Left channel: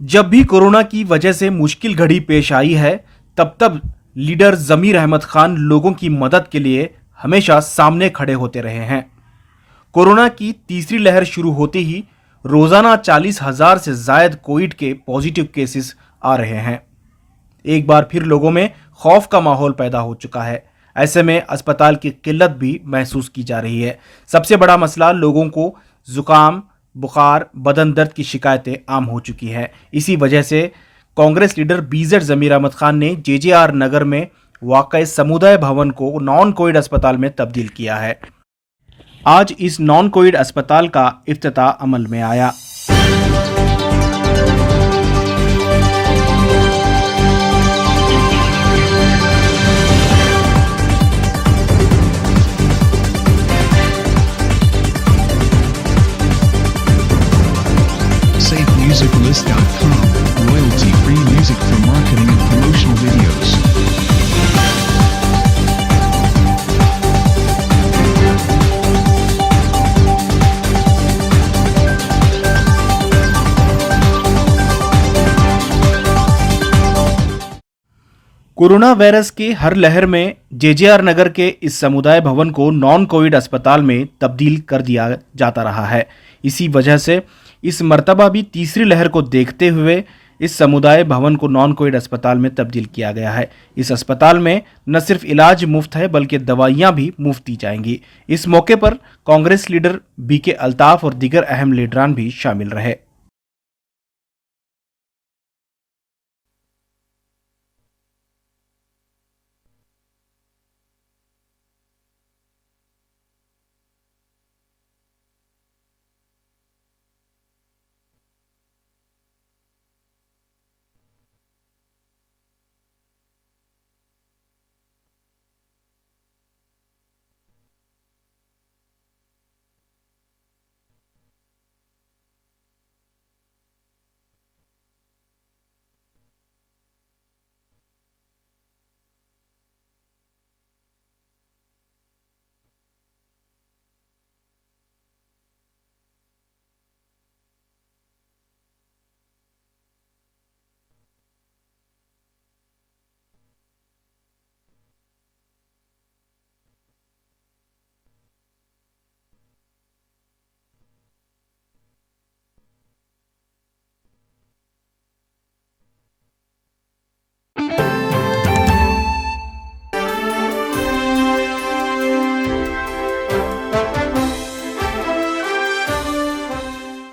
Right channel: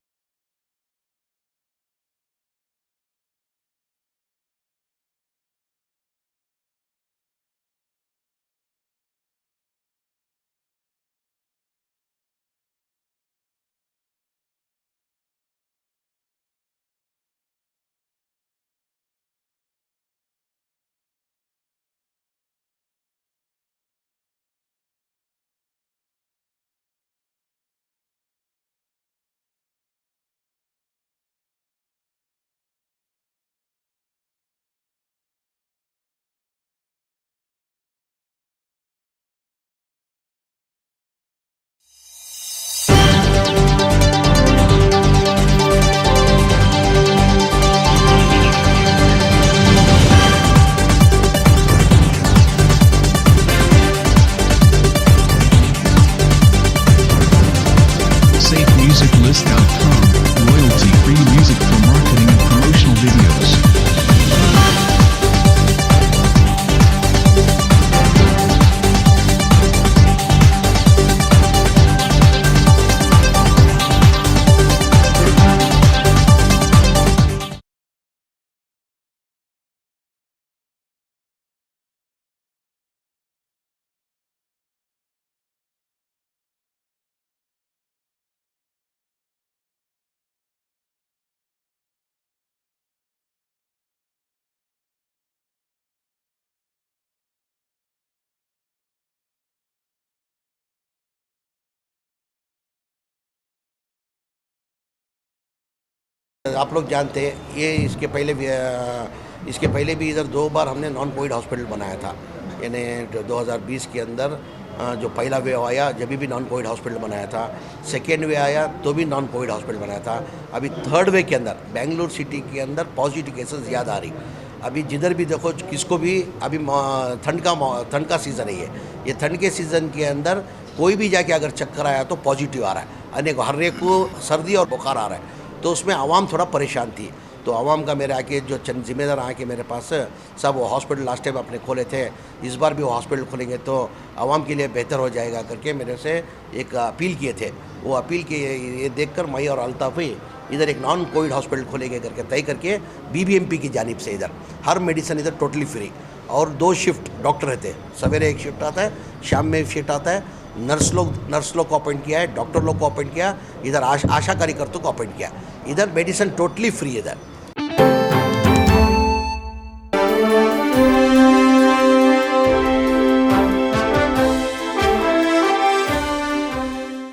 जब भी कोरोना की वजह से मुश्किल घड़ी पेश आई है, तब लीडर जमीर अहमद खान लोगों की मदद के लिए हमेशा सामने खड़े होते रहे हैं। कोरोना की तीसरी लहर शुरू होते ही रोजाना 40,000 से जायद कोविड के पॉजिटिव केसेस आ रहे हैं। एक बार फिर लोगों में खौफ का माहौल पैदा हो चुका है। ऐसे में अस्पताल की किल्लत भी महसूस की जा रही है। सबसे बड़ा मसला, लोगों को जुकाम, बुखार, बदन दर्द की शिकायतें आम हो चुकी हैं। इसी वजह से कांग्रेस लीडर बीजेड जमीर अहमद खान ने जेजेआर नगर में वाक़ समुदाय भवन को नॉन कोविड अस्पताल में तब्दील किया है। आज इस नॉन कोविड अस्पताल का इफ्तिताह अमल में आया। SafeMusicList.com, royalty-free music for marketing and promotional videos. Corona virus की हर लहर में जेजेआर नगर के इस समुदाय भवन को नॉन कोविड अस्पताल में तब्दील कर दिया जाता रहा है। इसी वजह से इस मर्तबा भी तीसरी लहर को देखते हुए इस समुदाय भवन को नॉन कोविड अस्पताल में तब्दील किया गया है। इस अस्पताल में न सिर्फ इलाज मुफ्त है बल्कि दवाइयां भी मुफ्त दी जाएंगी। इस मौके पर कांग्रेस लीडर बीके अल्ताफ और दीगर अहम लीडरान भी शामिल रहे। आप लोग जानते हैं ये इसके पहले भी इधर 2 बार हमने नॉन कोविड हॉस्पिटल बनाया था। यानी 2020 के अंदर जो पहला वेव आया जब भी नॉन कोविड हॉस्पिटल बनाया था, सेकेंड वे आया तो भी नॉन कोविड हॉस्पिटल बनाया था। अभी थर्ड वे के अंदर बेंगलुरु सिटी के अंदर पॉजिटिव केसेस ज़्यादा आ रही। अभी जिधर भी देखो किसको भी अभी ठंड का सीज़न है। ये ठंड के सीज़न के अंदर कोई भी जाके अगर चक्कर आया तो पॉजिटिव आ रहा है। हर एक को सर्दी और बुखार आ रहा है, तो उसमें आवाम थोड़ा परेशान थी। तो आवाम का मेरे आके जो चंद जिम्मेदार आके मेरे पास सब वो हॉस्पिटल लास्ट टाइम अपने खोले थे, इस बार भी वो हॉस्पिटल खोलेंगे तो आवाम के लिए बेहतर हो जाएगा करके मेरे से एक अपील किए थे। वो अपील के ये देखकर मैं और अल्ताफ ही इधर एक नॉन कोविड हॉस्पिटल खोलेंगे करके तय करके बीबीएमपी की जानिब से इधर हर मेडिसिन इधर टोटली फ्री और 2 शिफ्ट डॉक्टर रहते हैं। सवेरे एक शिफ्ट आता है, शाम में एक शिफ्ट आता है। नर्स लोग को अपॉइंट किया है, डॉक्टर लोग को अपॉइंट किया, इधर आशा कार्यकर्ताओं को अपॉइंट किया। इधर मेडिसिन टोटली फ्री है इधर।